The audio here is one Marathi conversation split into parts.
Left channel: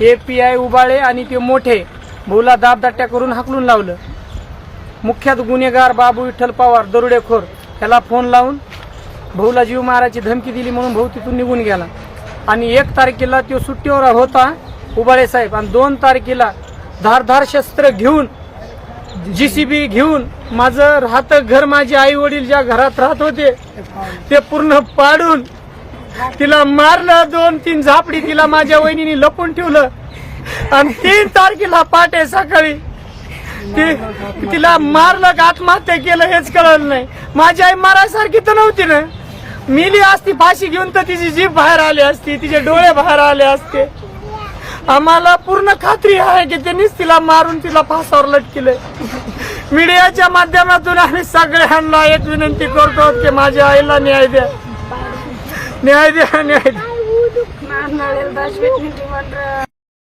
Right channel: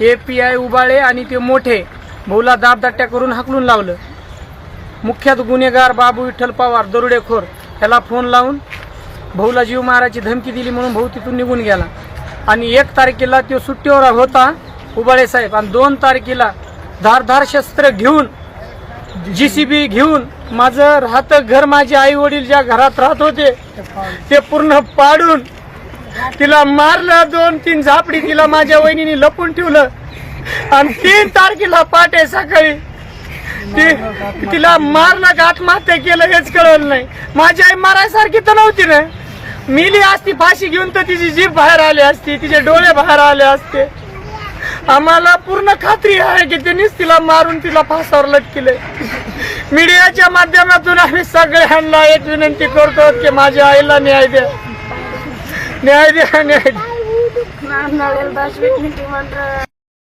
ए पी आय उबाळे आणि ते मोठे. भाऊला दाबदाट्या करून हाकलून लावलं. मुख्यात गुन्हेगार बाबू विठ्ठल पवार दरोडेखोर ह्याला फोन लावून भाऊला जीव मारायची धमकी दिली म्हणून भाऊ तिथून निघून गेला. आणि एक तारखेला तो सुट्टीवर होता उबाळे साहेब. आणि दोन तारखेला धारधार शस्त्र घेऊन जीसीबी घेऊन माझं राहतं घर माझे आई वडील ज्या घरात राहत होते ते पूर्ण पाडून तिला मारलं दोन तीन झापडी तिला माझ्या वहिनीने लपून ठेवलं. आणि तीन तारखेला पाटे सकाळी. ती तिला मारलं का आत्महत्या केलं हेच कळलं नाही. माझी आई मारायसारखी तर नव्हती ना. मिली असती फाशी घेऊन तर तिची जीभ बाहेर आली असती तिचे डोळे बाहेर आले असते. आम्हाला पूर्ण खात्री आहे की त्यांनीच तिला मारून तिला फासावर लटकिले मीडियाच्या माध्यमातून आम्ही सगळ्यांना एक विनंती करतो की माझ्या आईला न्याय द्या. न्याय द्या न्याय द्या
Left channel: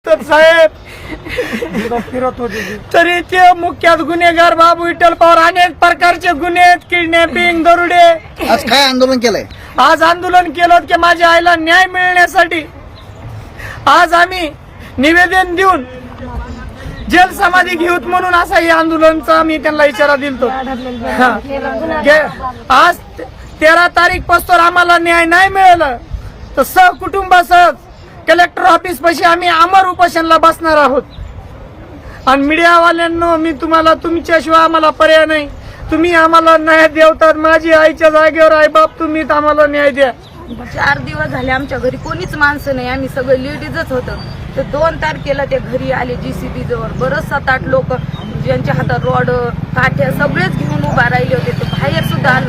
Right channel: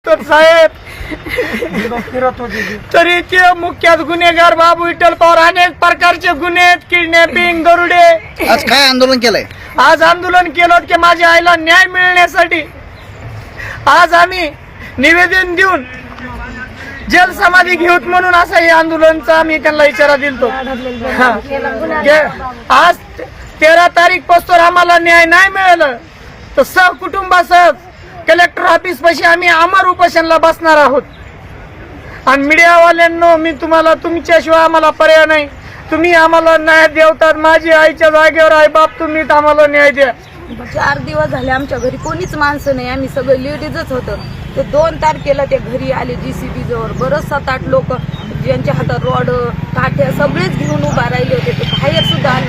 तर साहेब तरी ते मुख्यात गुन्हेगार बाबू विठ्ठल पवार अनेक प्रकारचे गुन्हे आहेत. किडनॅपिंग गरुडे. आज काय आंदोलन केलंय? आज आंदोलन केलं की माझ्या आईला न्याय मिळण्यासाठी आज आम्ही निवेदन देऊन जल समाधी घेऊत म्हणून असं हे आंदोलनचा आम्ही त्यांना इशारा दिलतो. हा. गे- आज तेरा तारीखपासून आम्हाला न्याय नाही मिळालं. तर सहकुटुंबासह कलेक्टर ऑफिस पाशी आम्ही अमर उपोषणला बसणार आहोत. आणि मीडियावाल्यांनो मी तुम्हाला तुमच्याशिवाय आम्हाला पर्याय नाही. तुम्ही आम्हाला न्याय देवतात माझी आईच्या जागेवर आई बाप तुम्ही आम्हाला न्याय द्या. चार दिवस झाले आमच्या घरी कोणीच माणसं नाही. आम्ही सगळे लेडीजच होतं. तर दोन तारखेला ते घरी आले जीसीबी जवळ. बरंच सात आठ लोक ज्यांच्या हातात रॉड काठ्या सगळेच घेऊन उभा राहिले होते. ते बाहेर सुद्धा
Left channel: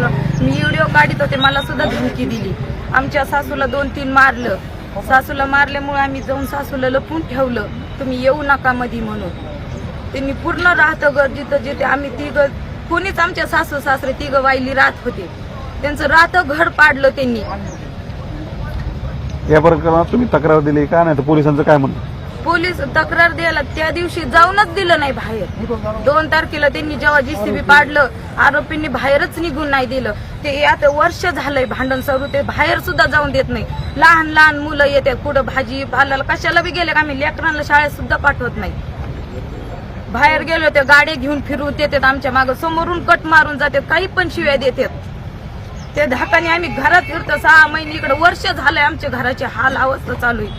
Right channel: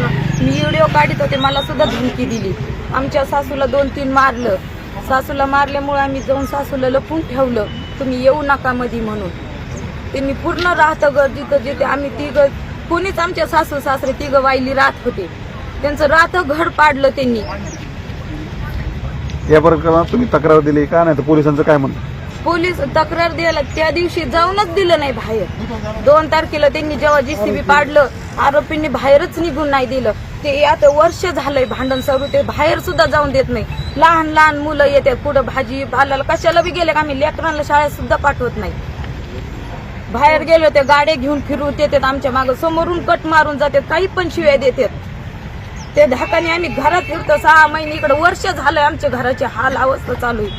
मी व्हिडिओ काढत होते मला सुद्धा धमकी दिली. आमच्या सासूला दोन तीन मारलं. सासूला मारल्यामुळे आम्ही जाऊन सासूला लपून ठेवलं. तुम्ही येऊ नका मधी म्हणून. त्यांनी पूर्ण राहतं घर जिथं जिथे आम्ही तिघ कोणीच आमच्या सासू सासरे तिघ वाईली राहत होते. त्यांचं राहतं घर पाडलं त्यांनी. या प्रकरणात तुम्ही तक्रार दिली का? नाही तर पोलिसांचं काय म्हणणं? पोलीस तक्रार द्यायला त्या दिवशी जाऊनच दिलं नाही बाहेर. दोन तारखेला त्यांनी जेव्हा जीसीबी पाडलं आरोपींनी बाहेरच निघून नाही दिलं. ते आता वर्ष झालंय भांडण सरू ते बाहेर सुद्धा जाऊन देत नाही. लहान लहान मुलं येतात कुठं भाजी पाल्याला कशाला बी गेले आम्ही? लेकरांना शाळेत सुद्धा पाठवत नाही. बाहेर गेलो ते गाड्या घेऊन फिरून देतात आमच्या मागं समोरून कट मारून जातात काही पण शिव्या देतात. ते धाकाने आम्ही घरात फिरतो. सहा महिने इकडे वर्ष झालंय आमच्या घराची हाल अवस्था चालू आहे.